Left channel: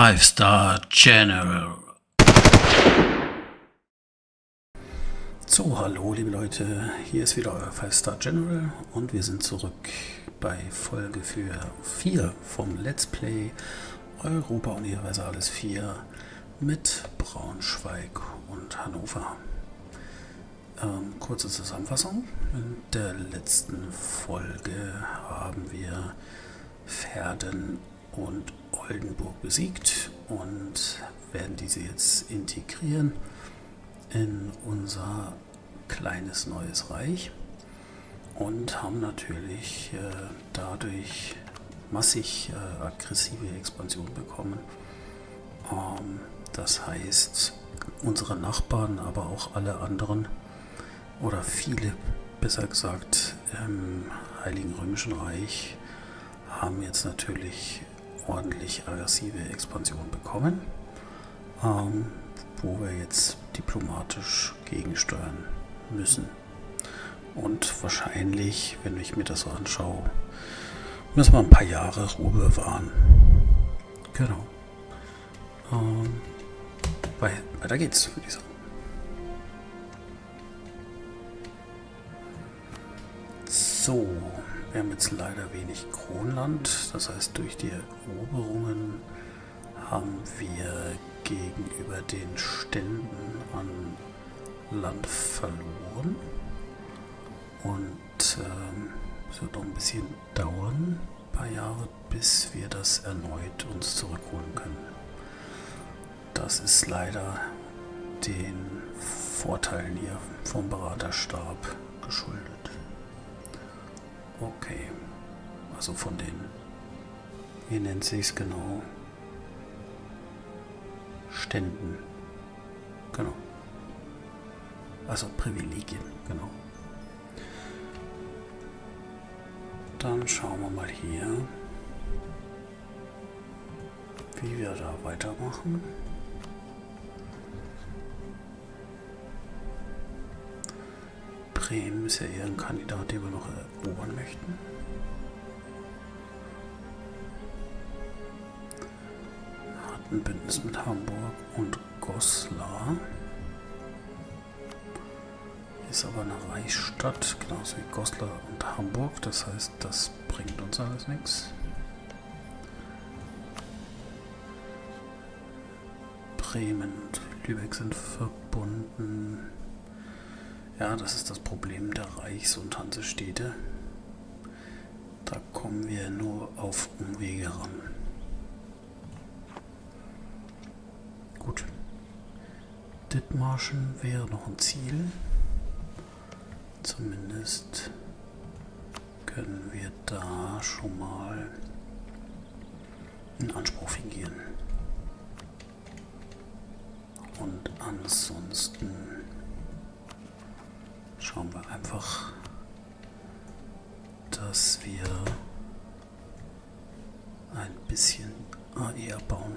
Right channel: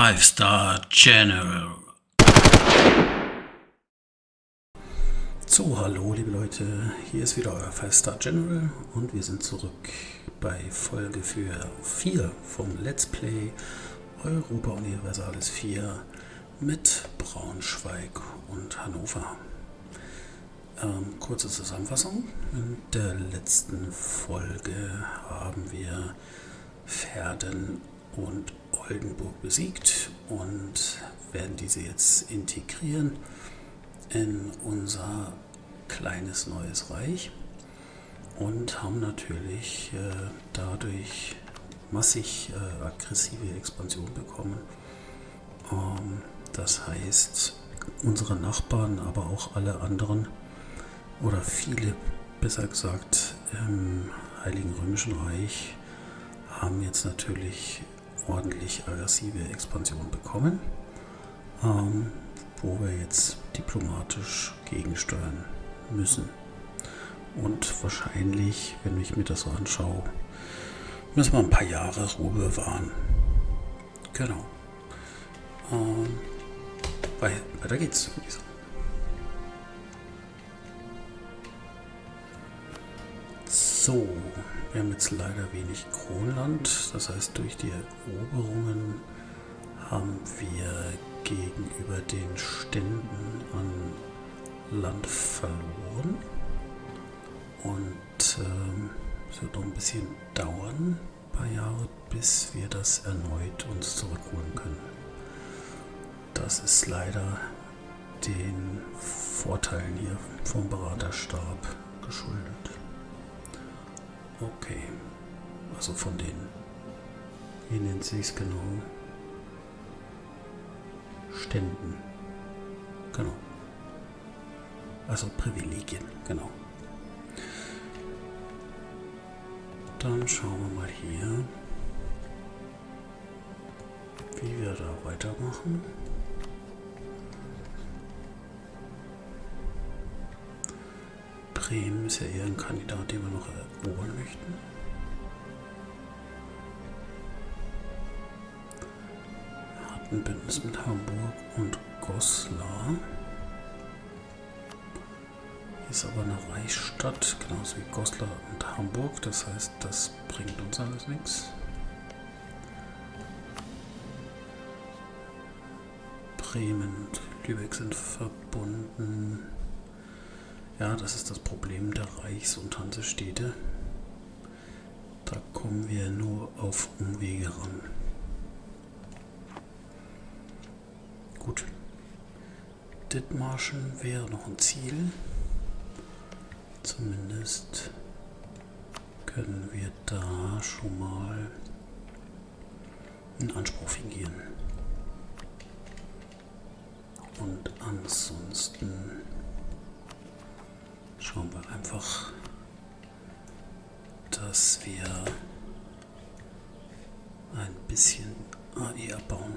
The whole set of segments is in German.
Five-Star General. So, hallo liebe Leute, hier ist wieder euer Five-Star General und wir sind zurück bei Folge 4 vom Let's Play Europa Universalis 4 mit Braunschweig und Hannover. Kurze Zusammenfassung. In der letzten Folge haben wir Verden und Oldenburg besiegt und werden diese jetzt integrieren in unser kleines neues Reich und haben natürlich dadurch massig aggressive Expansion bekommen. Das heißt, unsere Nachbarn, aber auch alle anderen oder viele, besser gesagt, im Heiligen Römischen Reich haben jetzt natürlich ordentlich aggressive Expansion bekommen, wo wir jetzt diplomatisch gegensteuern müssen. Und wahrscheinlich, wenn ich mir das so anschaue, müssen wir ein paar Jahre Ruhe bewahren. Genau. Weiter geht's, würde ich sagen. So, wir haben jetzt leider wenig Kronland, das heißt durch die Eroberungen haben wir gegenüber den Ständen an Land verloren und es wird noch ein bisschen dauern, ein paar Jahre, bis wir das erneut uns zurückholen können. Das ist leider den Vorteilen hier vom Beraterstab geschuldet. Okay, also von den, wie nennt sich es genau, Ständen, genau, also Privilegien, genau. Dann schauen wir mal hier, wie wir da weitermachen. Bremen ist ja eher ein Kandidat, den wir noch erobern möchten. Hat ein Bündnis mit Hamburg und Goslar. Ist aber eine Reichsstadt, genauso wie Goslar und Hamburg. Das heißt, das bringt uns alles nichts. Bremen und Lübeck sind verbunden. Ja, das ist das Problem der Reichs- und Hansestädte. Da kommen wir nur auf Umwege ran. Gut. Dithmarschen wäre noch ein Ziel. Zumindest können wir da schon mal einen Anspruch fingieren. Und ansonsten schauen wir einfach, dass wir ein bisschen AE abbauen.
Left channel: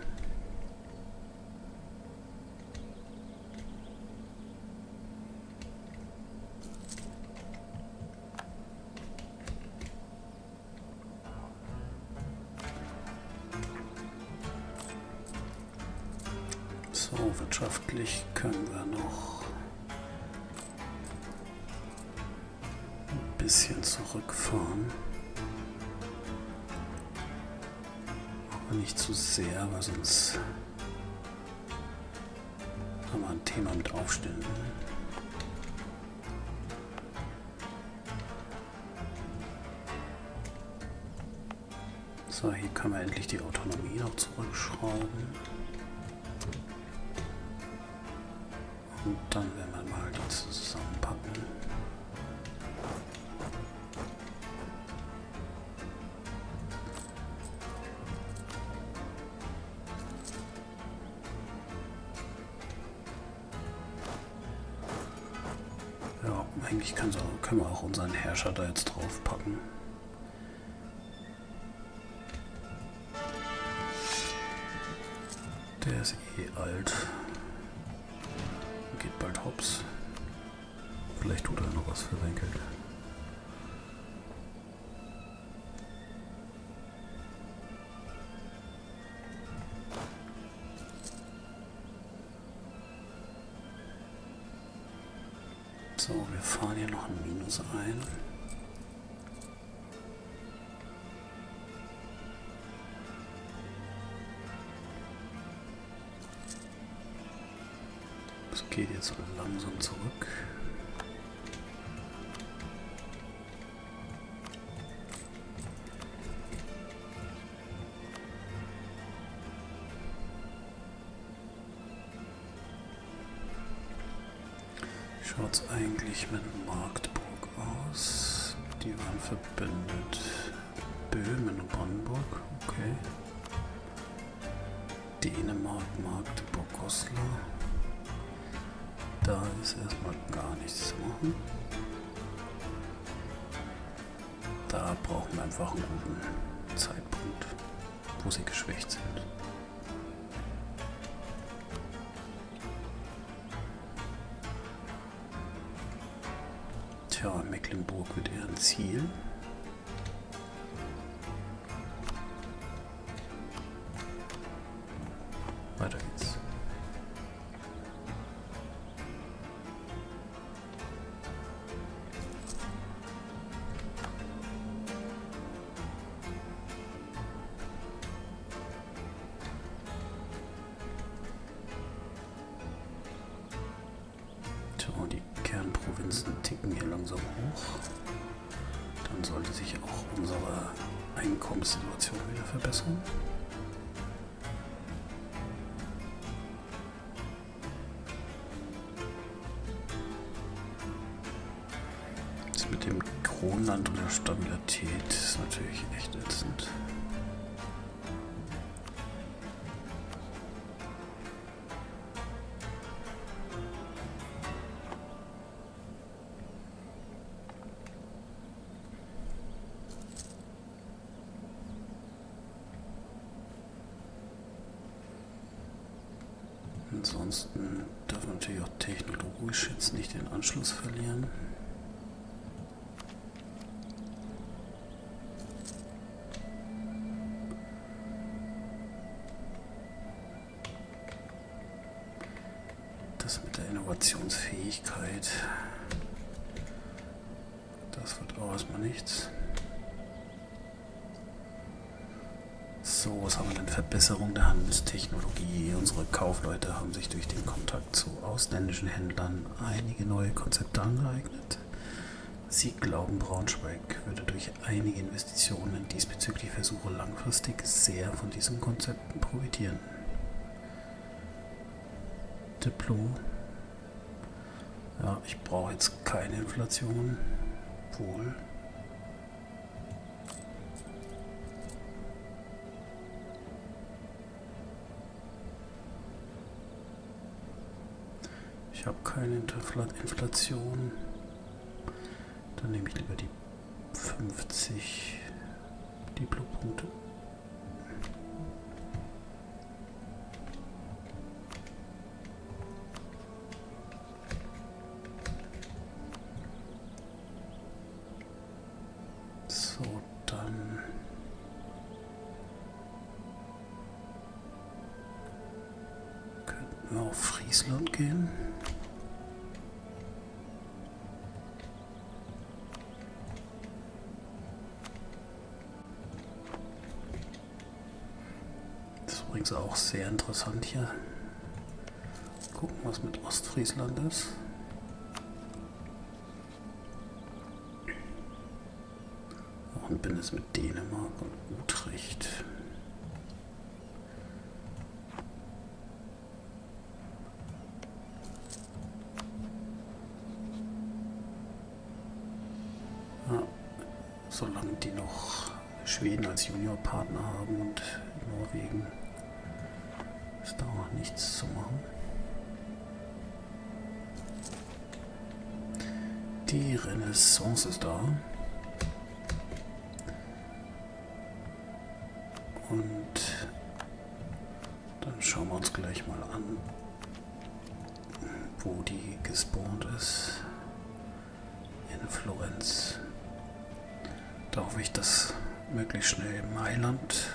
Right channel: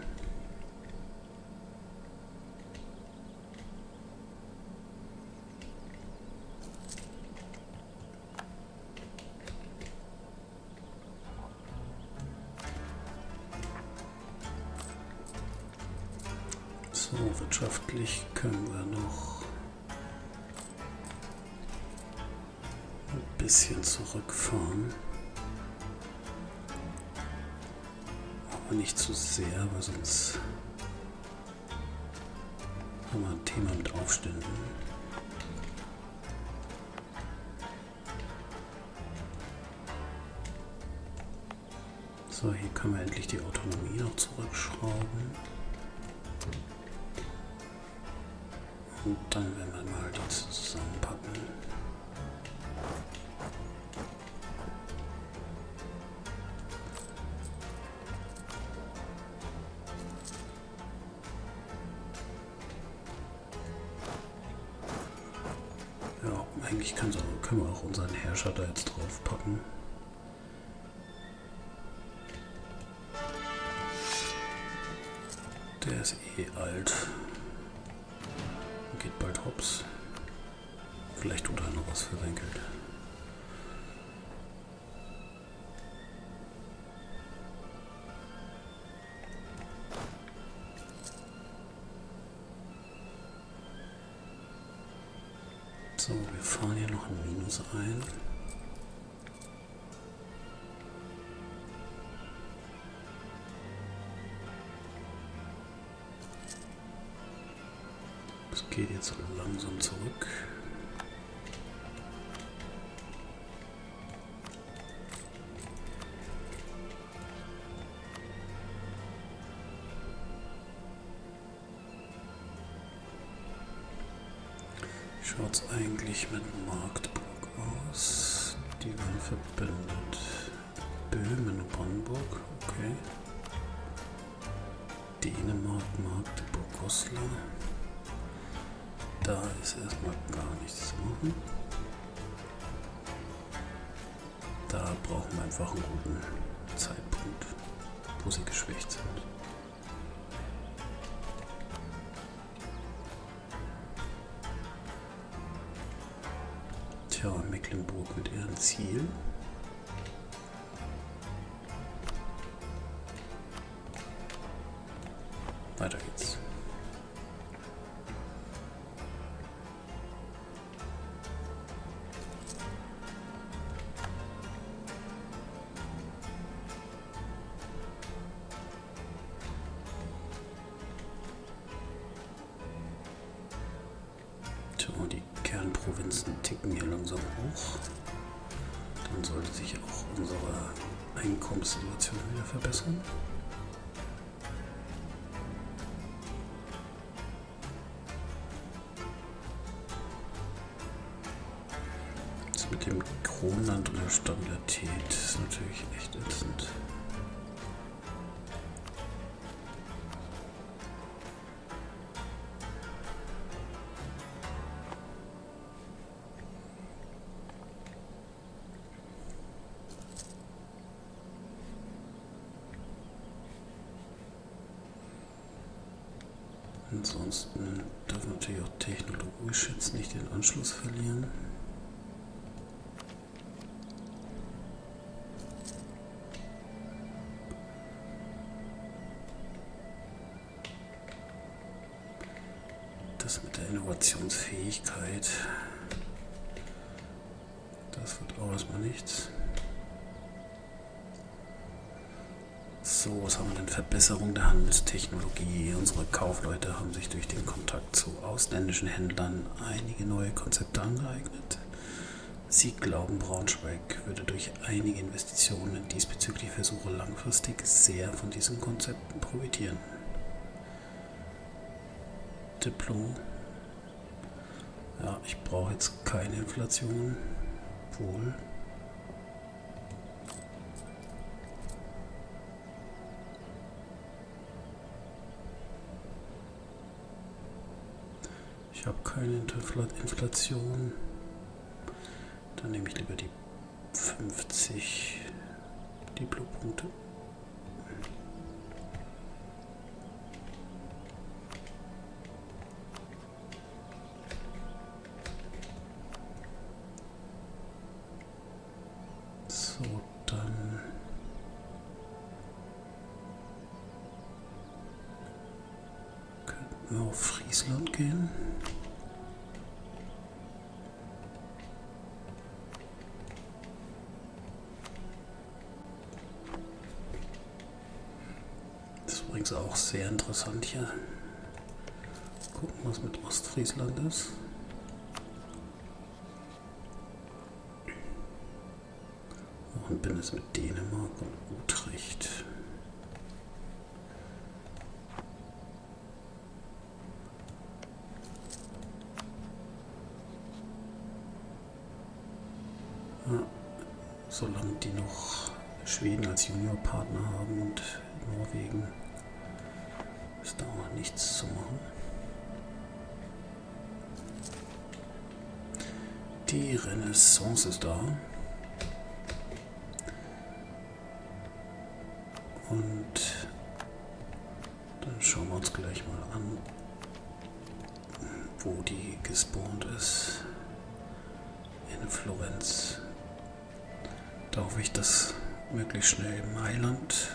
So, wirtschaftlich können wir noch bisschen zurückfahren, aber nicht zu sehr, weil sonst haben wir ein Thema mit Aufständen. So, hier können wir endlich die Autonomie noch zurückschrauben und dann werden wir mal die zusammenpacken. Ja, eigentlich können wir auch unseren Herrscher da jetzt drauf packen. Der ist eh alt. Geht bald hops. Vielleicht tut er noch was verwenkelt. So, wir fahren hier noch ein Minus ein. Es geht jetzt so langsam zurück. Schaut es eigentlich mit Magdeburg aus? Die waren verbündet. Böhmen und Brandenburg, okay. Dänemark, Magdeburg, Goslar. Da ist erstmal gar nichts zu machen. Da brauchen wir einfach einen guten Zeitpunkt, wo sie geschwächt sind. Tja, Mecklenburg wird eher ein Ziel. Weiter geht's. So, die Kernprovinzen ticken hier langsam hoch. Dann sollte sich auch unsere Einkommenssituation wieder verbessern. Das mit dem Kronland und der Stabilität ist natürlich echt ätzend. Ansonsten dürfen wir natürlich auch technologisch jetzt nicht den Anschluss verlieren. Das mit der Innovationsfähigkeit, das wird auch erstmal nichts. So, was haben wir denn? Verbesserung der Handelstechnologie. Unsere Kaufleute haben sich durch den Kontakt zu ausländischen Händlern einige neue Konzepte angeeignet. Sie glauben, Braunschweig würde durch einige Investitionen diesbezüglich Versuche langfristig sehr von diesen Konzepten profitieren. Diplo. Ja, ich brauche jetzt keine Inflation. Wohl. Ich habe keine Inflation. Dann nehme ich lieber die 50 Diplo-Punkte. So, dann könnten wir auf Friesland gehen. Übrigens auch sehr interessant hier. Gucken, was mit Ostfriesland ist. Auch ein Bündnis mit Dänemark und Utrecht. Ja, solange die noch Schweden als Juniorpartner haben und Norwegen, ist da auch nichts zu machen. Die Renaissance ist da. Und dann schauen wir uns gleich mal an, wo die gespawnt ist. In Florenz. Da hoffe ich, dass möglichst schnell Mailand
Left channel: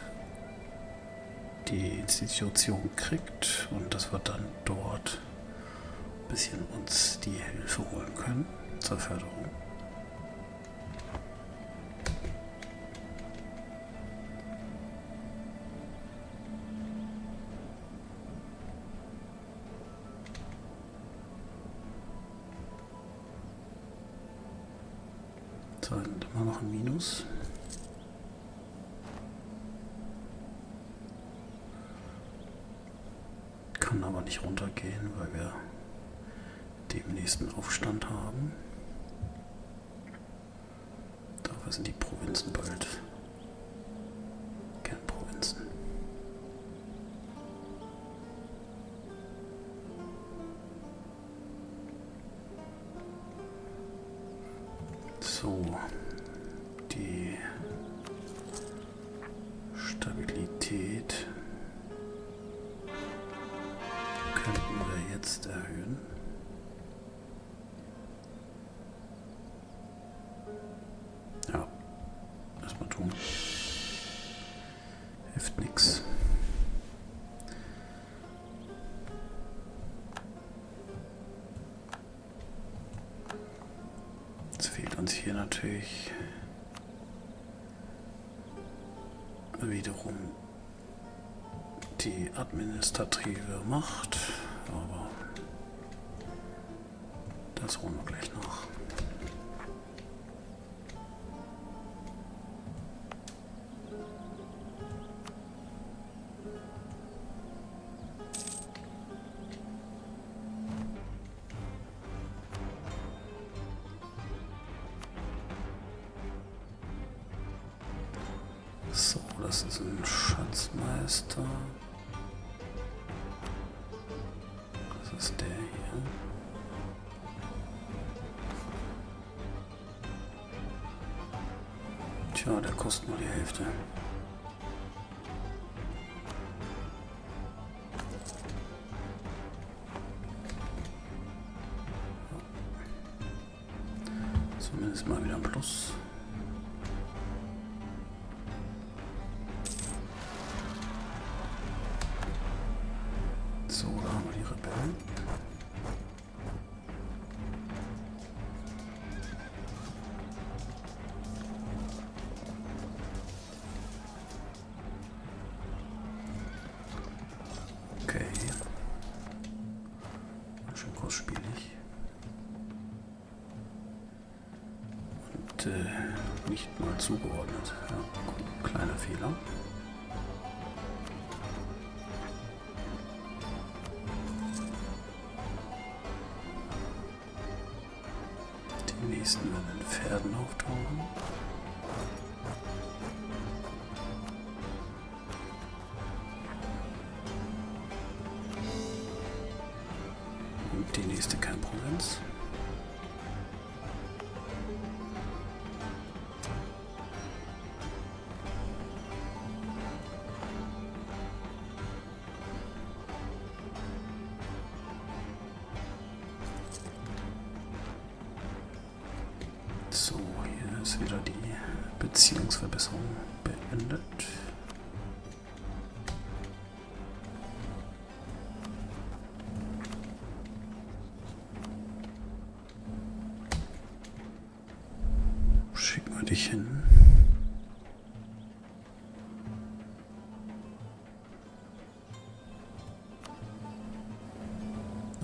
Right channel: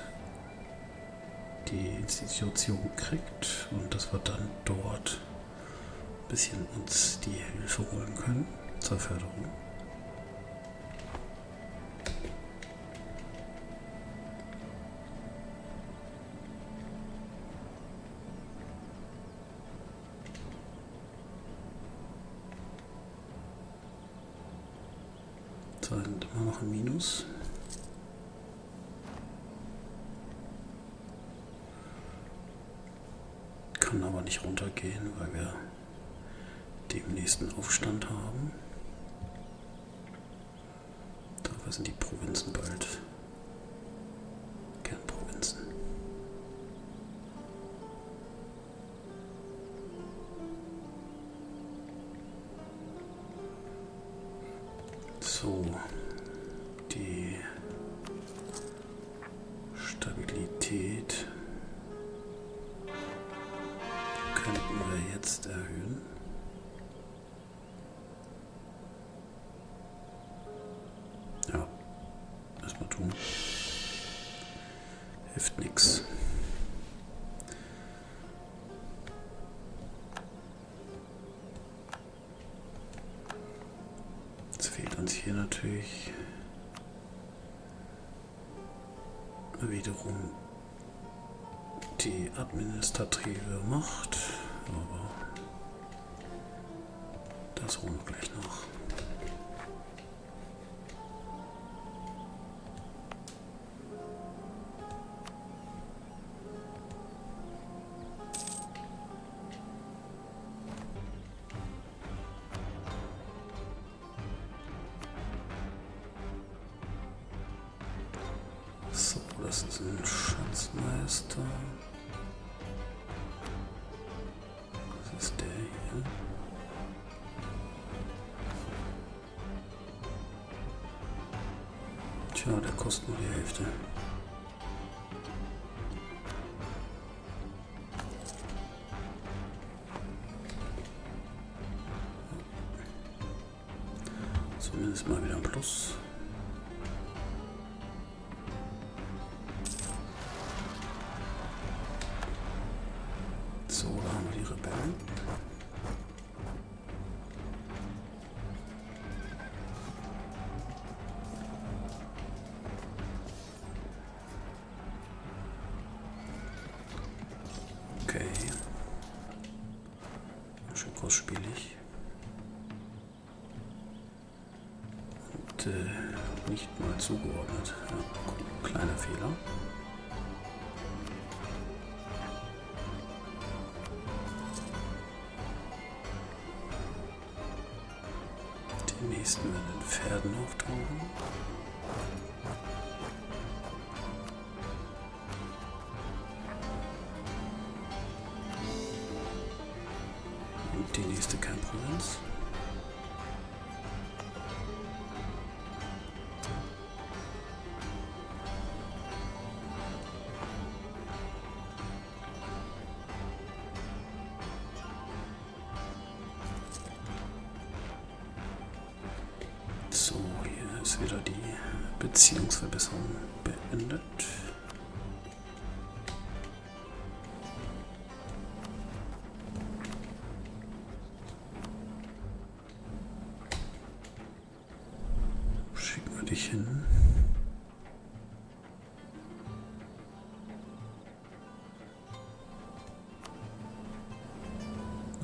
die Institution kriegt und dass wir dann dort ein bisschen uns die Hilfe holen können. zur Förderung. So, sind immer noch ein Minus. Kann aber nicht runtergehen, weil wir demnächst einen Aufstand haben. Dafür sind die Provinzen bald Kernprovinzen. So, die Stabilität könnten wir jetzt erhöhen. Ja, erstmal tun. Hilft nichts. Jetzt fehlt uns hier natürlich wiederum die administrative Macht, aber das holen wir gleich nach. So, das ist ein Schatzmeister. Das ist der hier. Tja, der kostet nur die Hälfte. Zumindest mal wieder ein Plus. So, da haben wir die Rebellen. Okay. Schön kostspielig. Und nicht mal zugeordnet. Ja, kleiner Fehler. Die nächsten werden in Pferden auftauchen. Und die nächste Kernprovinz. So, hier ist wieder die Beziehungsverbesserung beendet. Schicken wir dich hin.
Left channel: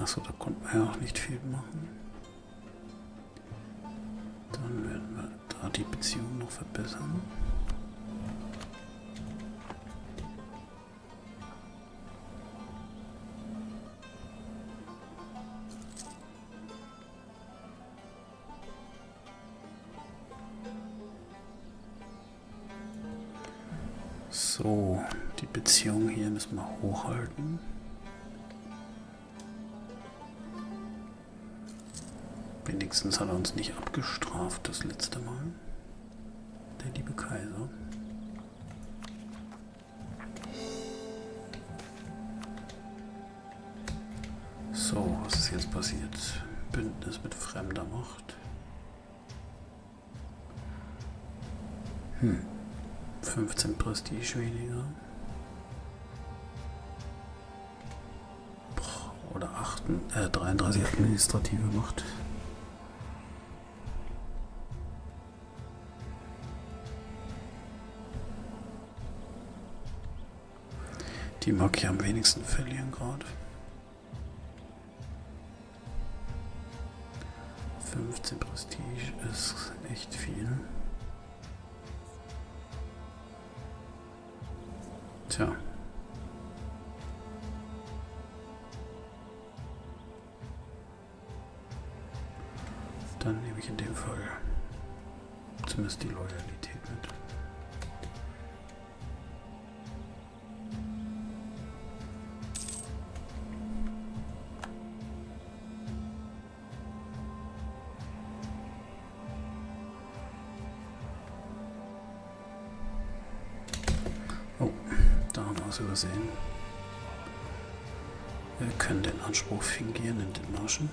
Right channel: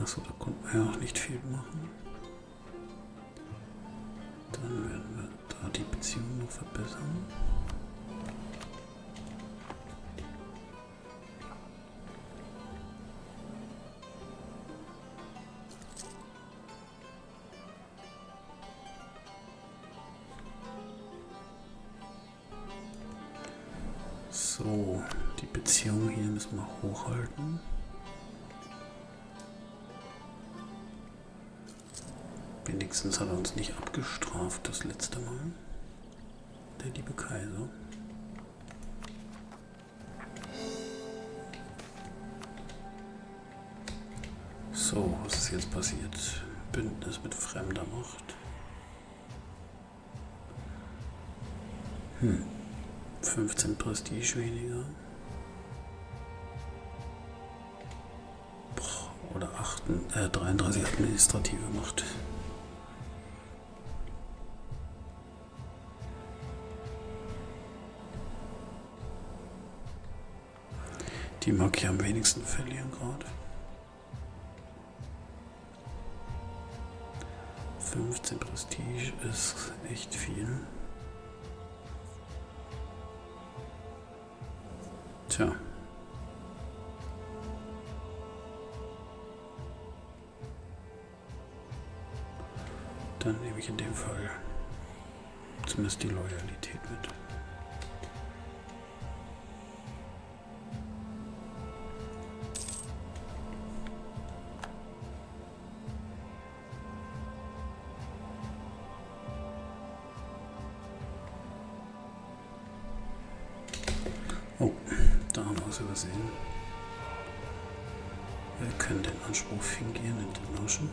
Achso, da konnten wir ja auch nicht viel machen. Dann werden wir da die Beziehung noch verbessern. So, die Beziehung hier müssen wir hochhalten. Wenigstens hat er uns nicht abgestraft das letzte Mal, der liebe Kaiser. So, was ist jetzt passiert? Bündnis mit fremder Macht. 15 Prestige weniger. Oder 33 administrative Macht. Die mag ich am wenigsten verlieren gerade. 15 Prestige ist echt viel. Tja. Dann nehme ich in dem Fall zumindest die Loyalität mit. Oh, da haben wir es übersehen. Wir können den Anspruch fingieren in den Marschen.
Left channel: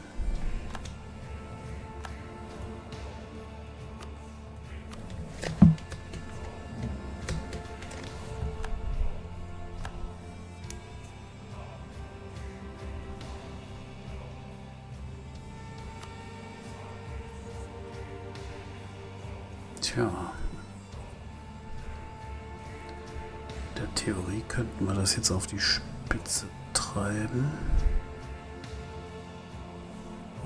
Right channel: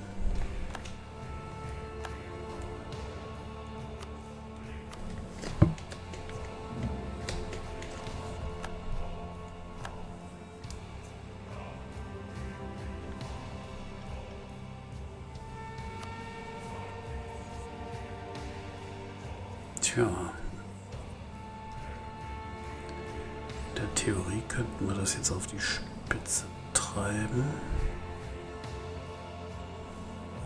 Tja, in der Theorie könnten wir das jetzt auf die Spitze treiben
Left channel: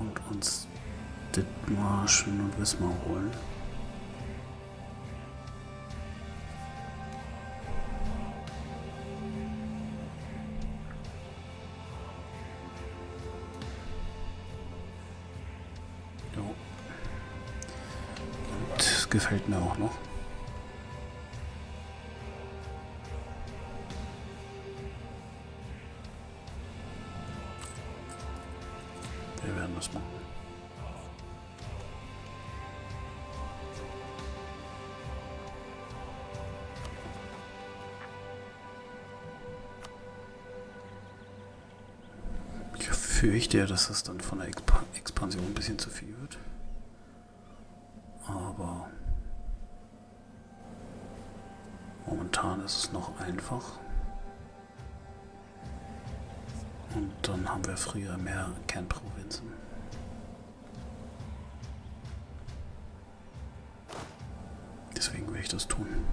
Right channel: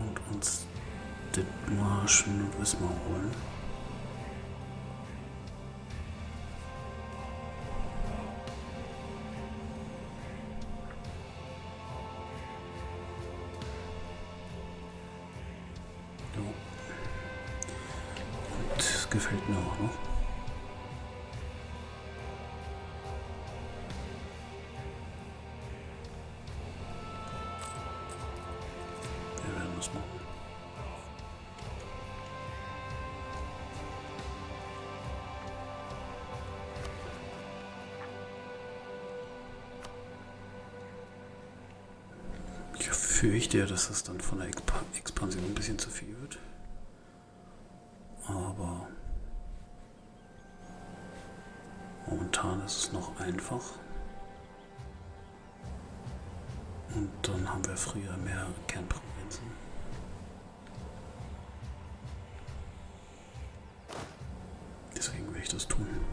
und uns Dithmarschen und Wismar holen. Jo. Und gefällt mir auch noch. Wir werden das machen. Ich fürchte ja, dass das dann von der Expansion ein bisschen zu viel wird. Aber momentan ist es noch einfach. Und dann haben wir früher mehr Kernprovinzen. Deswegen will ich das tun.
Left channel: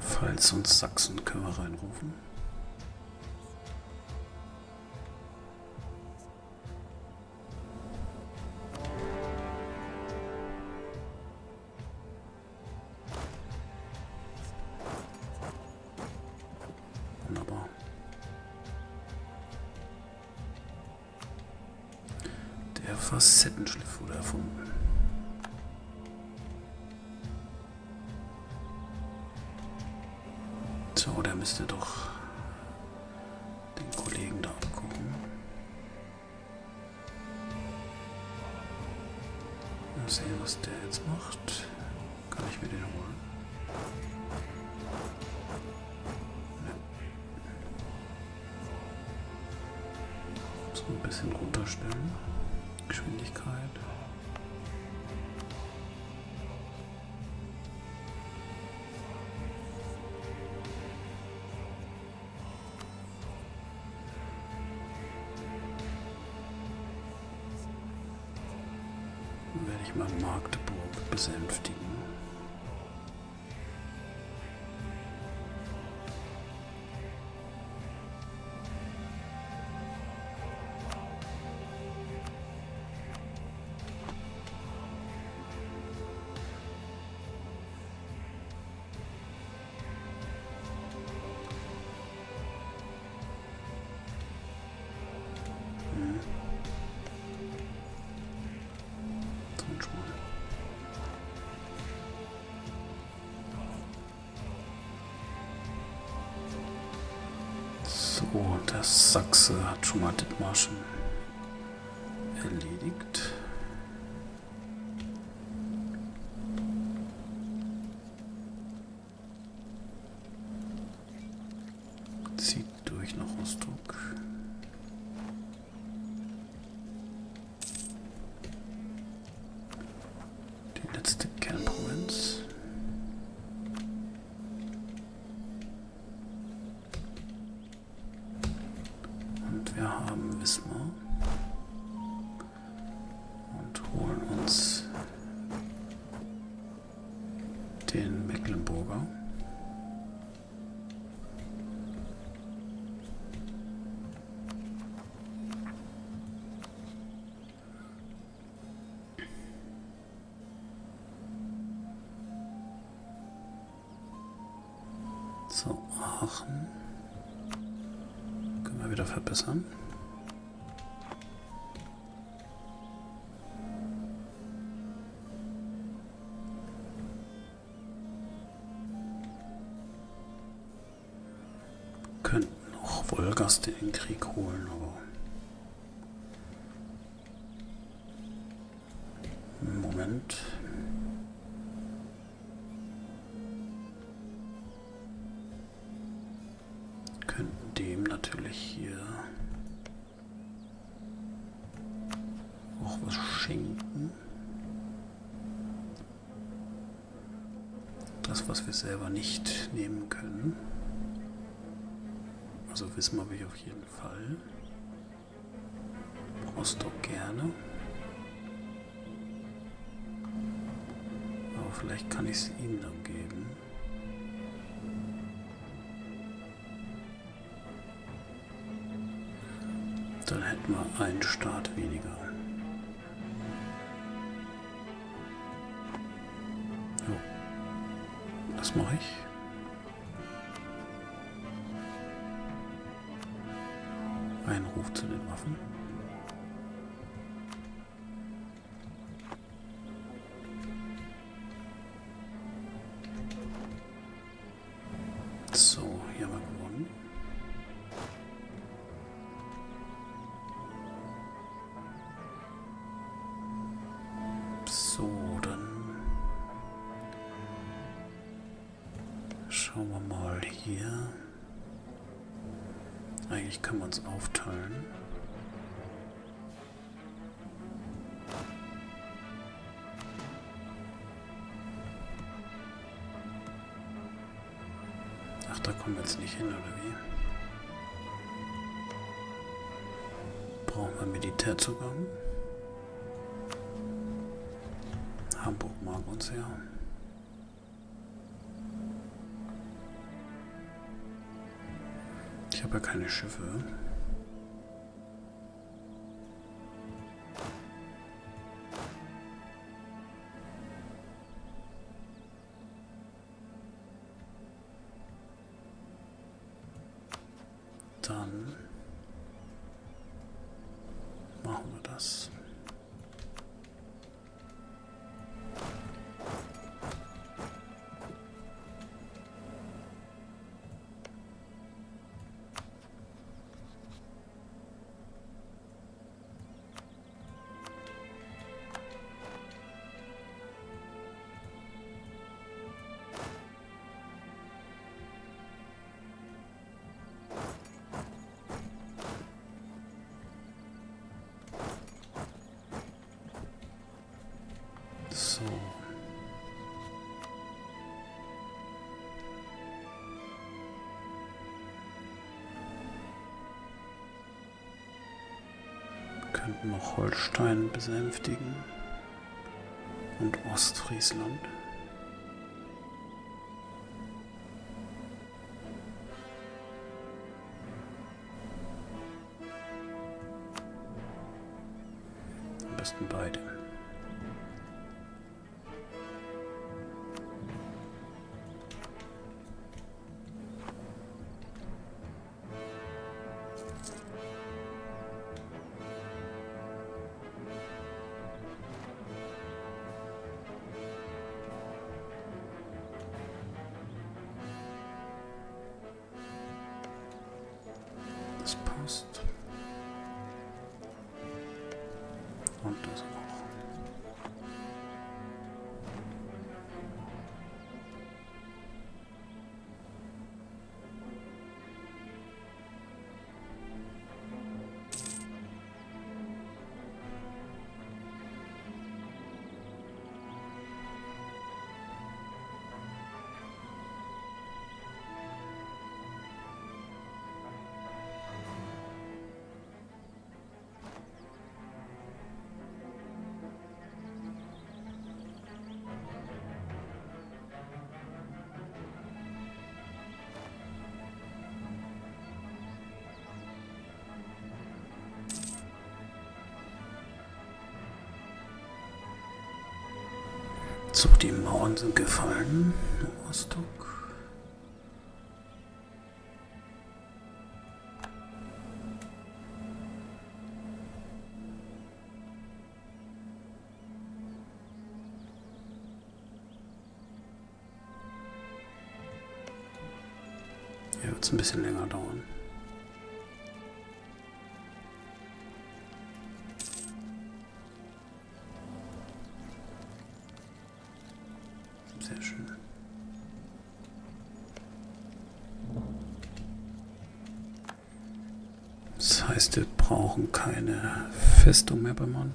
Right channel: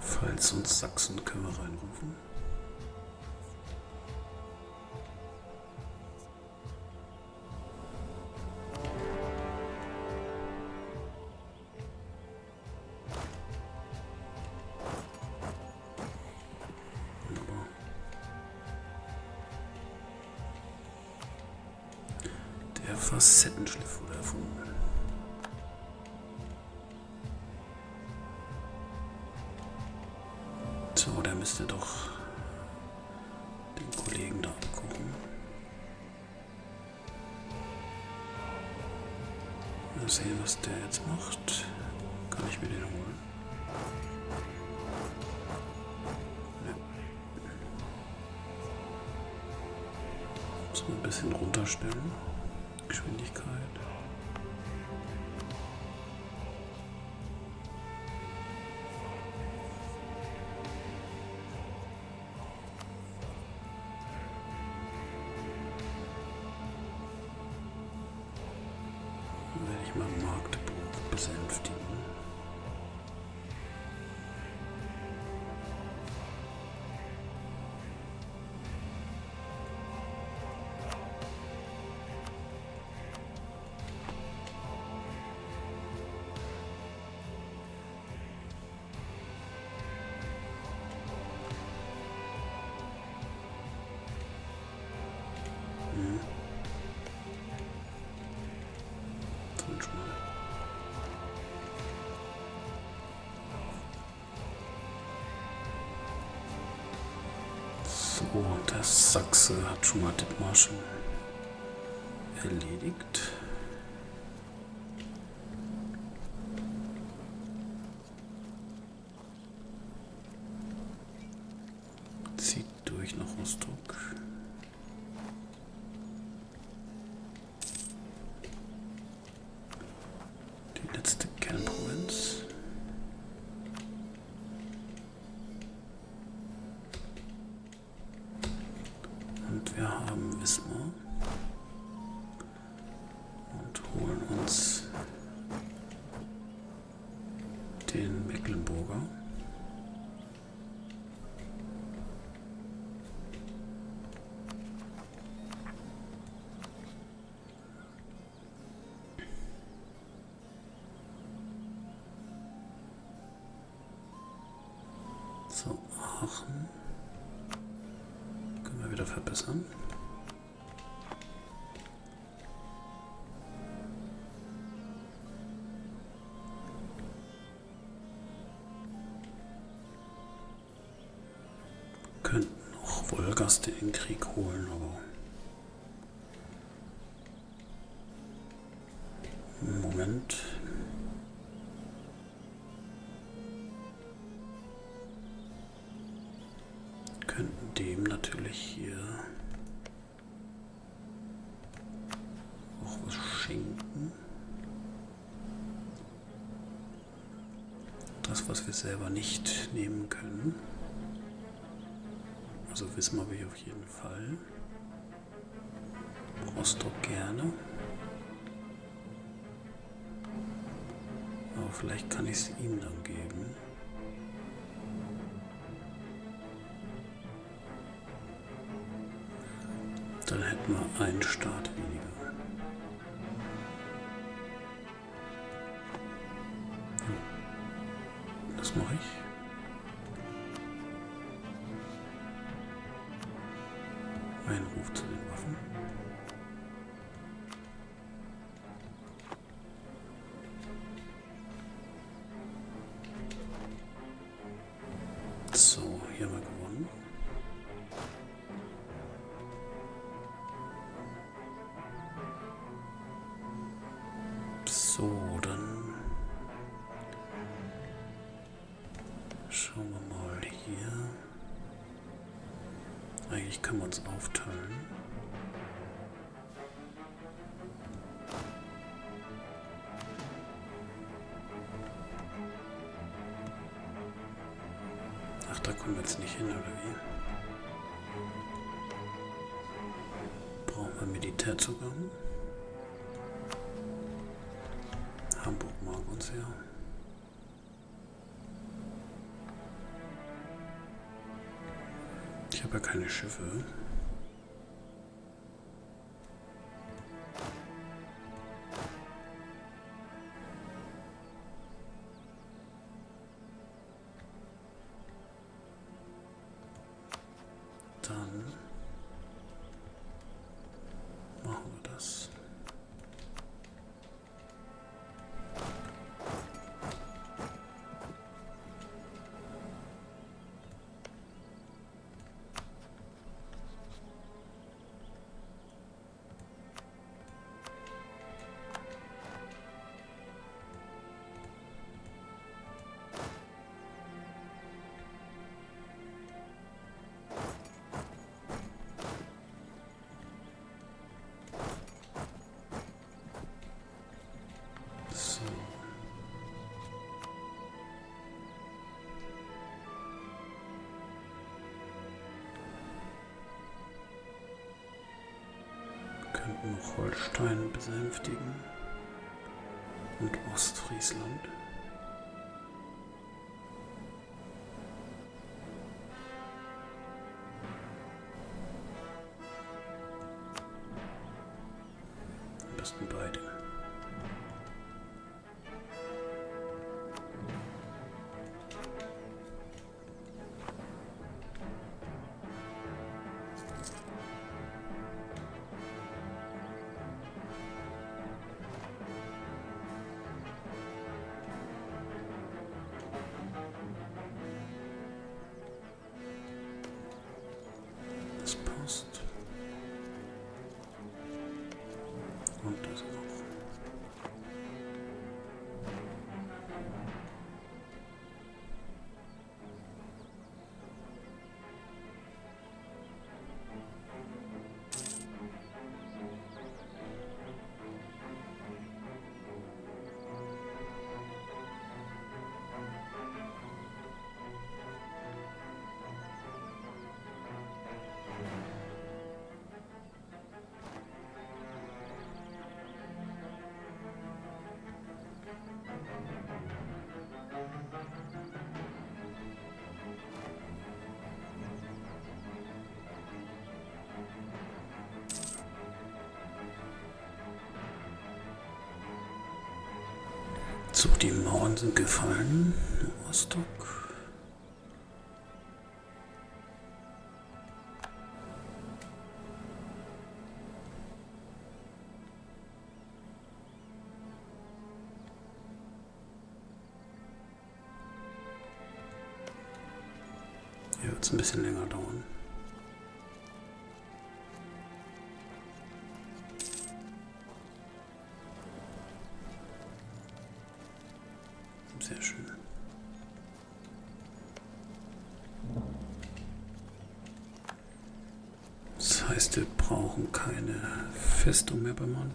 Pfalz und Sachsen können wir reinrufen. Wunderbar. Der Facettenschliff wurde erfunden. So, der müsste doch den Kollegen da abgucken. Mal sehen, was der jetzt macht. Kann ich mir den holen? Ja. Muss man ein bisschen runterstellen. Geschwindigkeit. Werde ich mal Magdeburg besänftigen. So, der Sachse hat schon mal Dithmarschen erledigt. Zieht durch nach Rostock. den Mecklenburger. So, Aachen. Können wir wieder verbessern. Könnten noch Wolgast in den Krieg holen, aber Moment. Könnten dem natürlich hier auch was schenken. Das, was wir selber nicht nehmen können. Also Wismar will ich auf jeden Fall. Rostock gerne. Aber vielleicht kann ich es ihm dann geben. Dann hätten wir einen Staat weniger. So. Das mache ich. Ein Ruf zu den Waffen. So, hier haben wir gewonnen. So, dann schauen wir mal hier. Eigentlich können wir uns aufteilen. Ach, da kommen wir jetzt nicht hin, oder wie? Brauchen wir Militärzugang? Hamburg mag uns ja. Ich habe ja keine Schiffe. Dann machen wir das. So. Könnten noch Holstein besänftigen und Ostfriesland. Am besten beide. Das passt. Und das auch. So, die Mauern sind gefallen. Rostock. Hier wird es ein bisschen länger dauern. Sehr schön. Das heißt, wir brauchen keine Festung mehr beim Mann.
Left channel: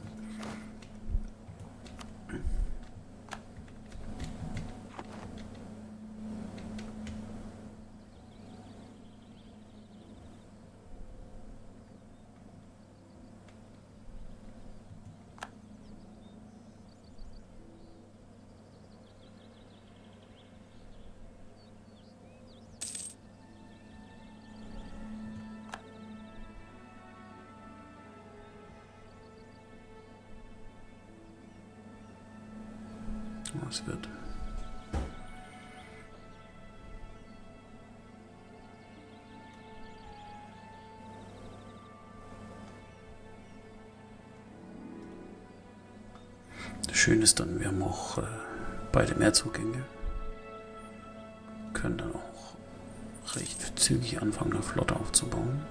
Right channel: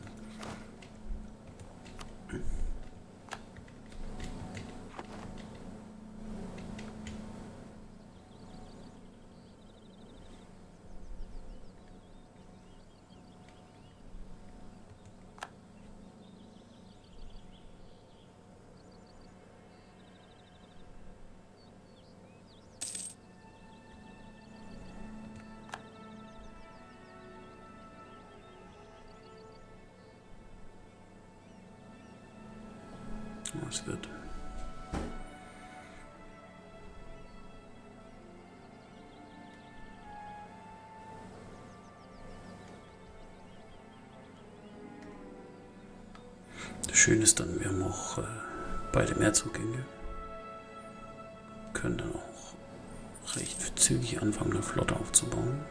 Was wird? Schön ist dann, wir haben auch beide Mehrzugänge. Können dann auch recht zügig anfangen, eine Flotte aufzubauen.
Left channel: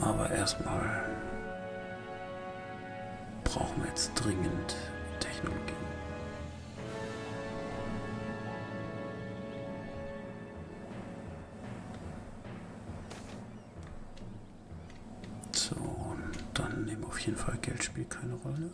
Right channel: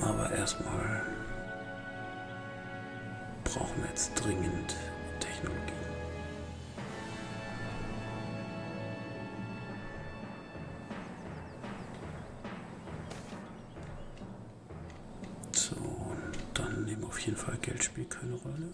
Aber erstmal brauchen wir jetzt dringend Technologie. So, dann nehmen auf jeden Fall Geld spielt keine Rolle.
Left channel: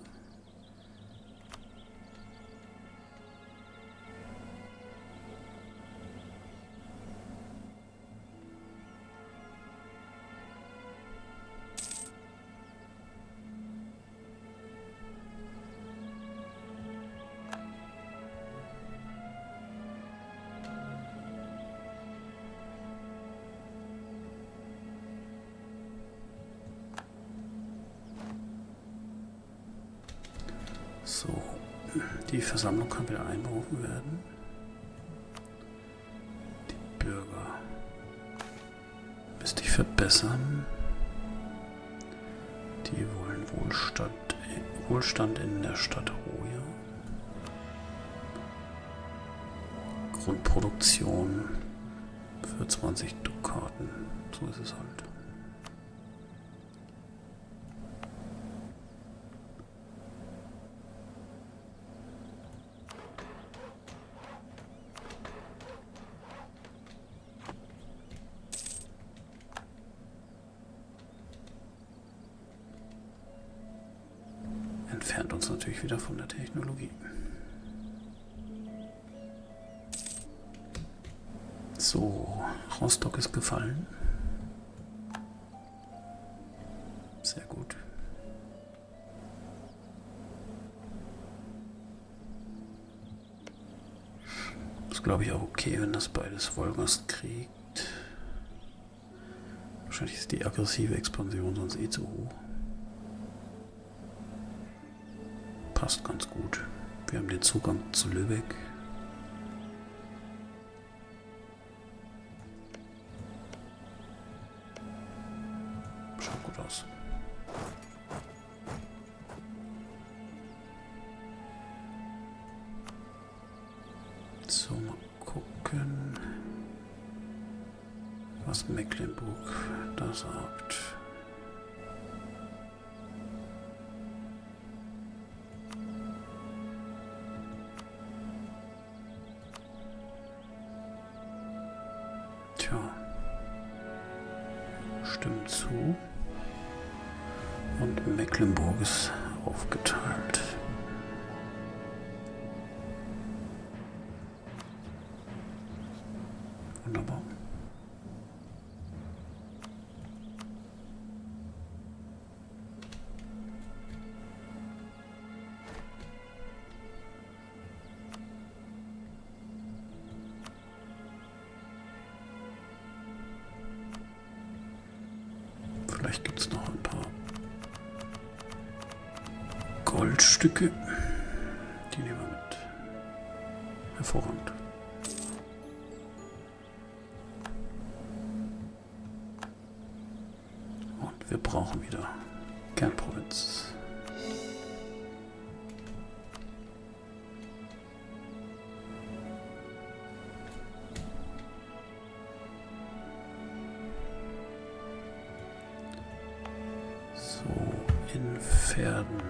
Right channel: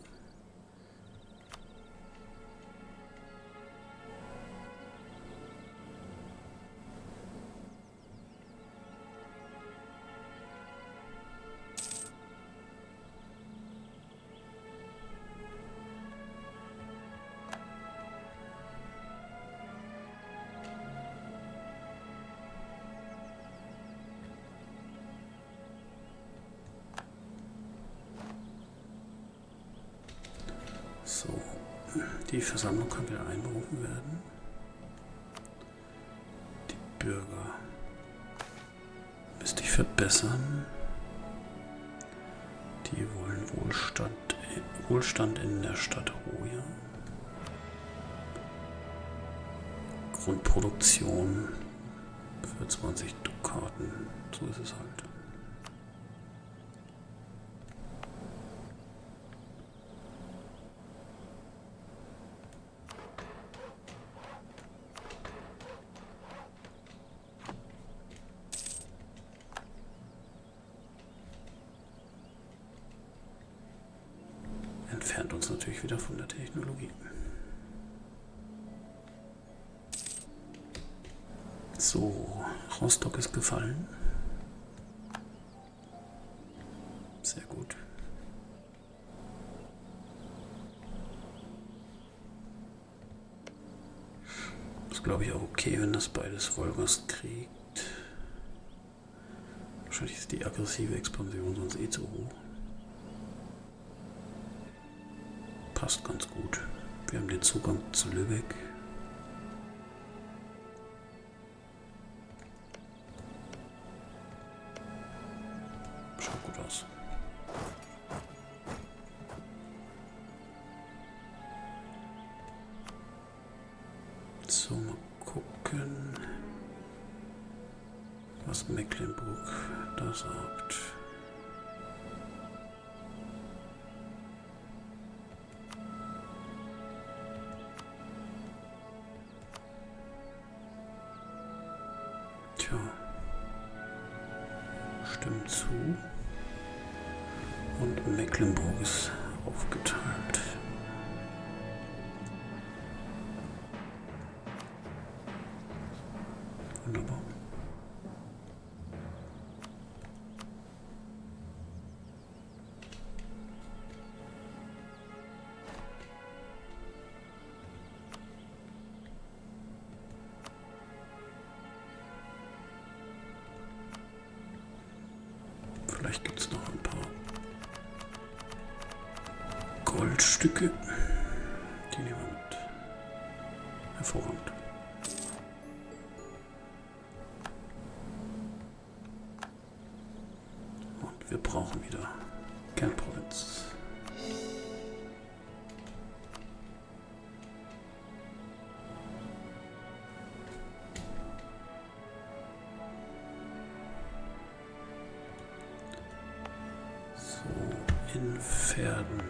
So, die Versammlung kann wieder einberufen werden. Die Bürger müsste ich verbessern. Die wollen Wohlstand in der Stadt Hoya. Grundproduktion für 20 Dukaten. So ist es halt. Entfernt uns natürlich wieder von der Technologie. So, Rostock ist gefallen. Sehr gut. Ist, glaube ich, auch okay, wenn das beides Wolgast kriegt. Wahrscheinlich ist die aggressive Expansion sonst eh zu hoch. Passt ganz gut. Wir haben den Zugang zu Lübeck. Schaut gut aus. So, mal gucken, was Mecklenburg da sagt. Tja, stimmt zu. Und Mecklenburg ist aufgeteilt. Wunderbar. Vielleicht gibt es noch ein paar Goldstücke. Die nehmen wir mit. Hervorragend. Und wir brauchen wieder Kernprovinz. In Pferden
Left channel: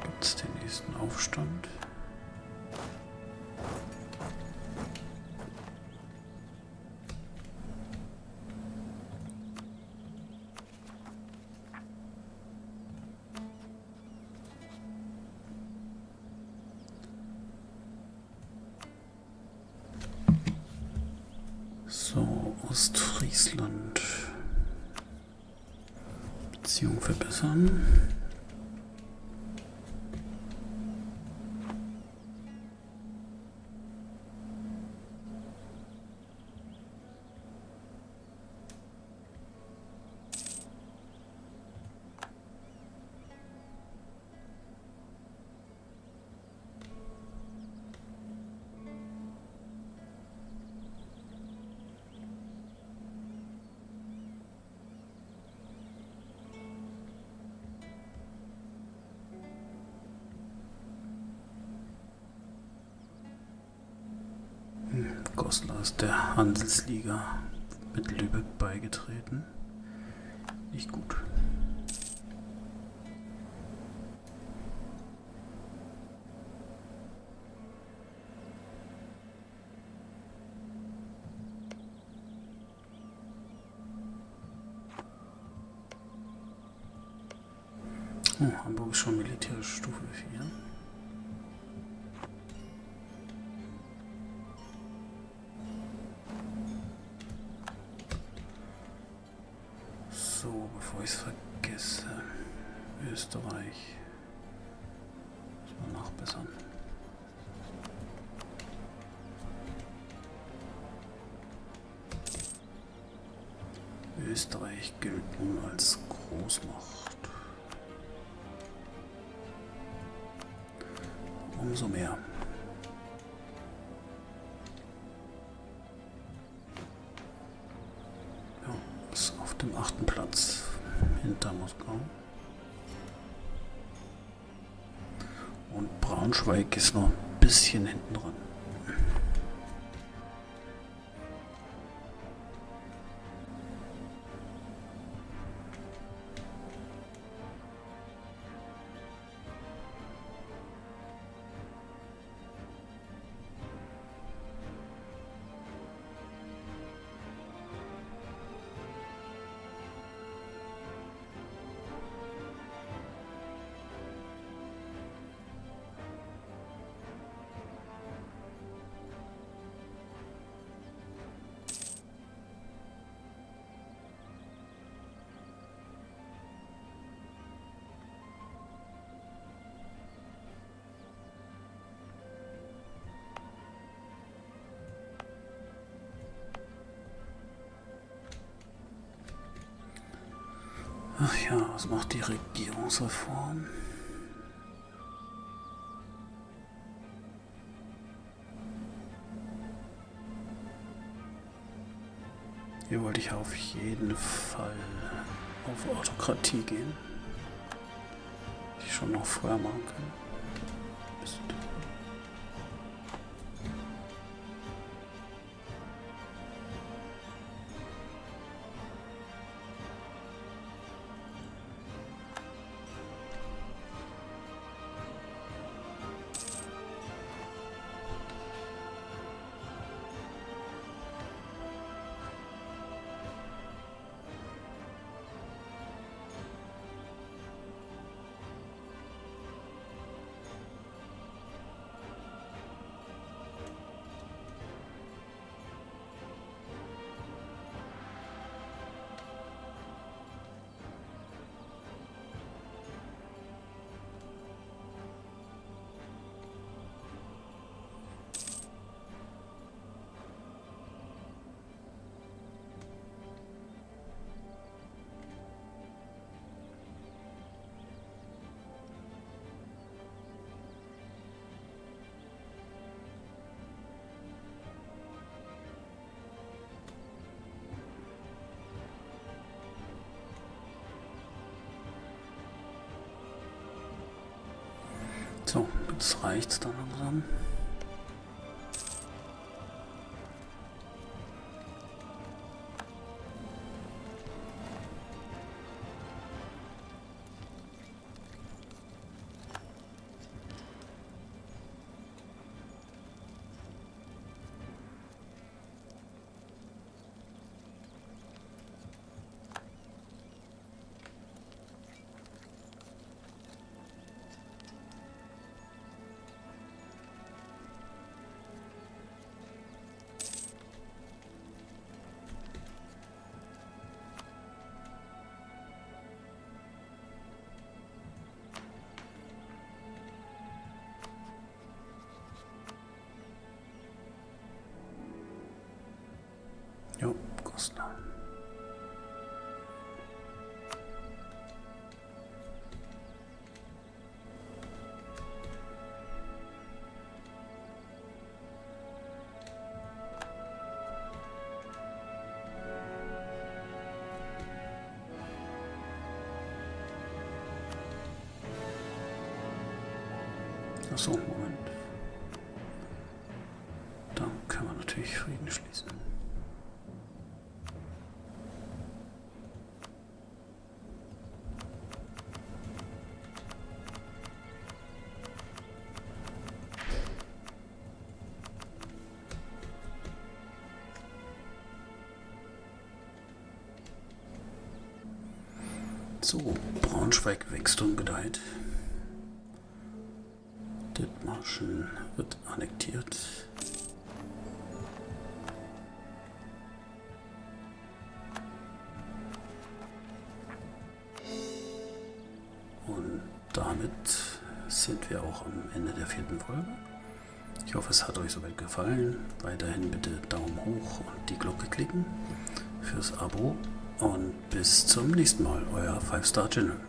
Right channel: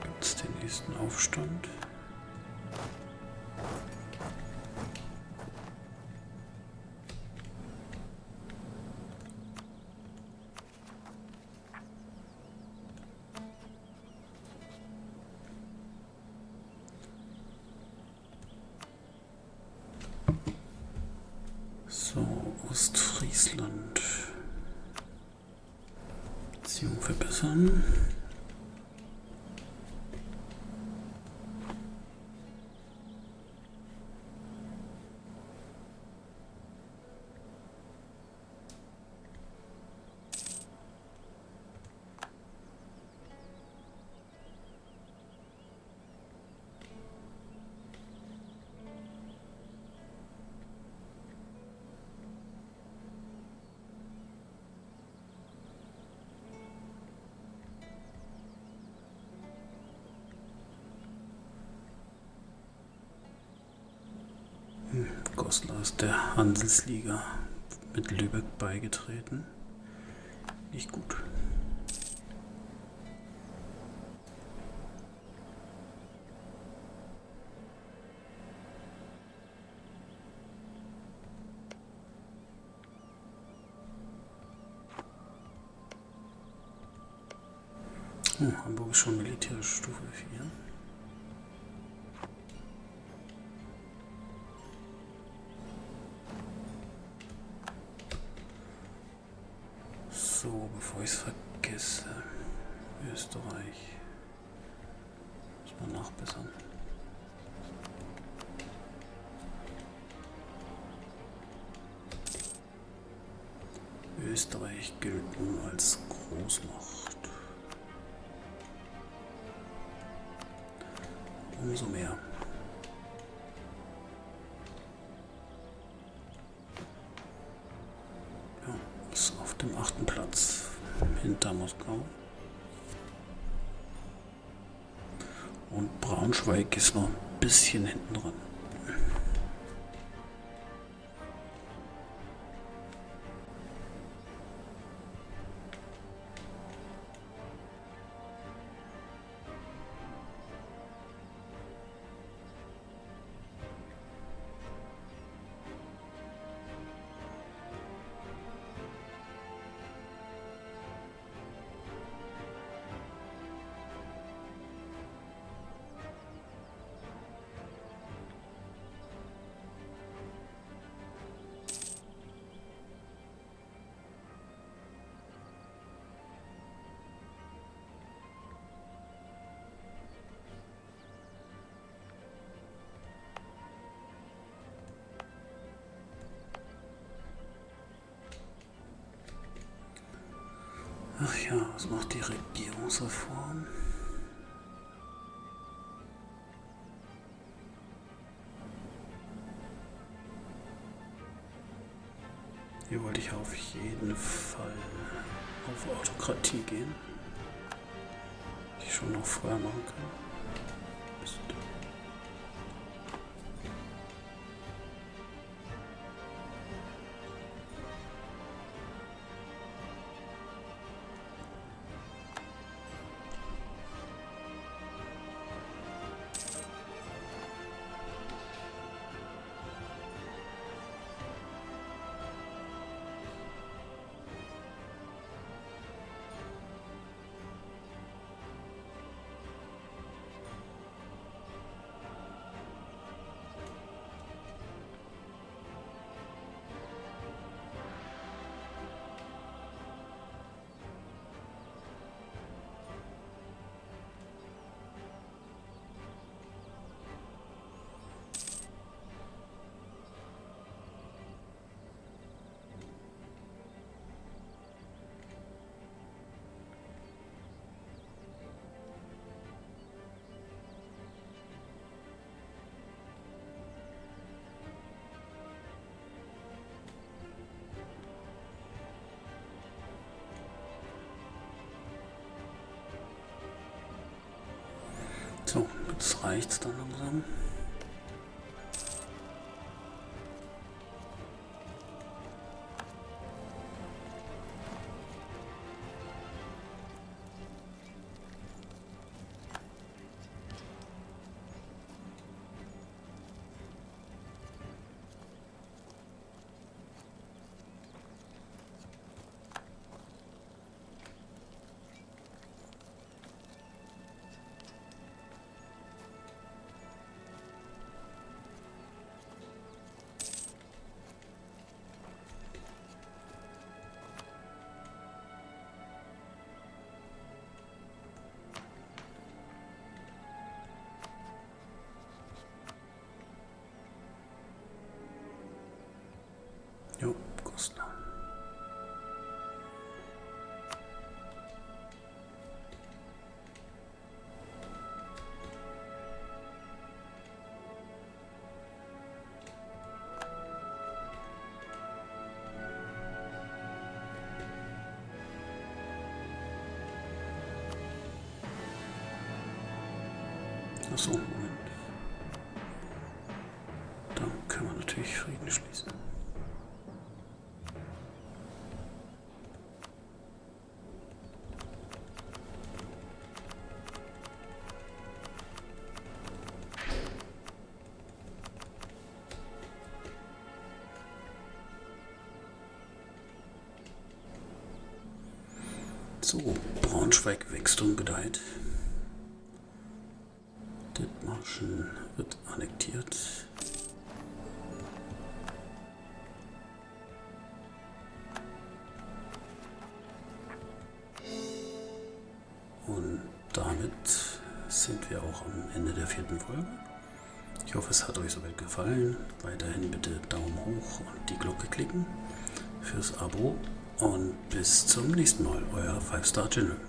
gibt es den nächsten Aufstand. So, Ostfriesland. Beziehung verbessern. Goslar ist der Handelsliga mit Lübeck beigetreten. Nicht gut. Oh, Hamburg ist schon militärische Stufe 4. So, bevor ich es vergesse, Österreich muss man nachbessern. Österreich gilt nun als Großmacht. Umso mehr. Ist auf dem 8. Platz hinter Moskau. Und Braunschweig ist noch ein bisschen hinten dran. Ach ja, was macht die Regierungsreform? Hier wollte ich auf jeden Fall auf Autokratie gehen. Hätte ich schon noch vorher machen können. Mist. So, jetzt reicht's dann langsam. Jo, Kostner. Achso, Moment. Dann können wir natürlich Frieden schließen. So, Braunschweig wächst und gedeiht. Dithmarschen wird annektiert. Und damit sind wir auch am Ende der 4. Folge. Ich hoffe, es hat euch soweit gefallen. Weiterhin bitte Daumen hoch und die Glocke klicken fürs Abo. Und bis zum nächsten Mal, euer 5-Star General.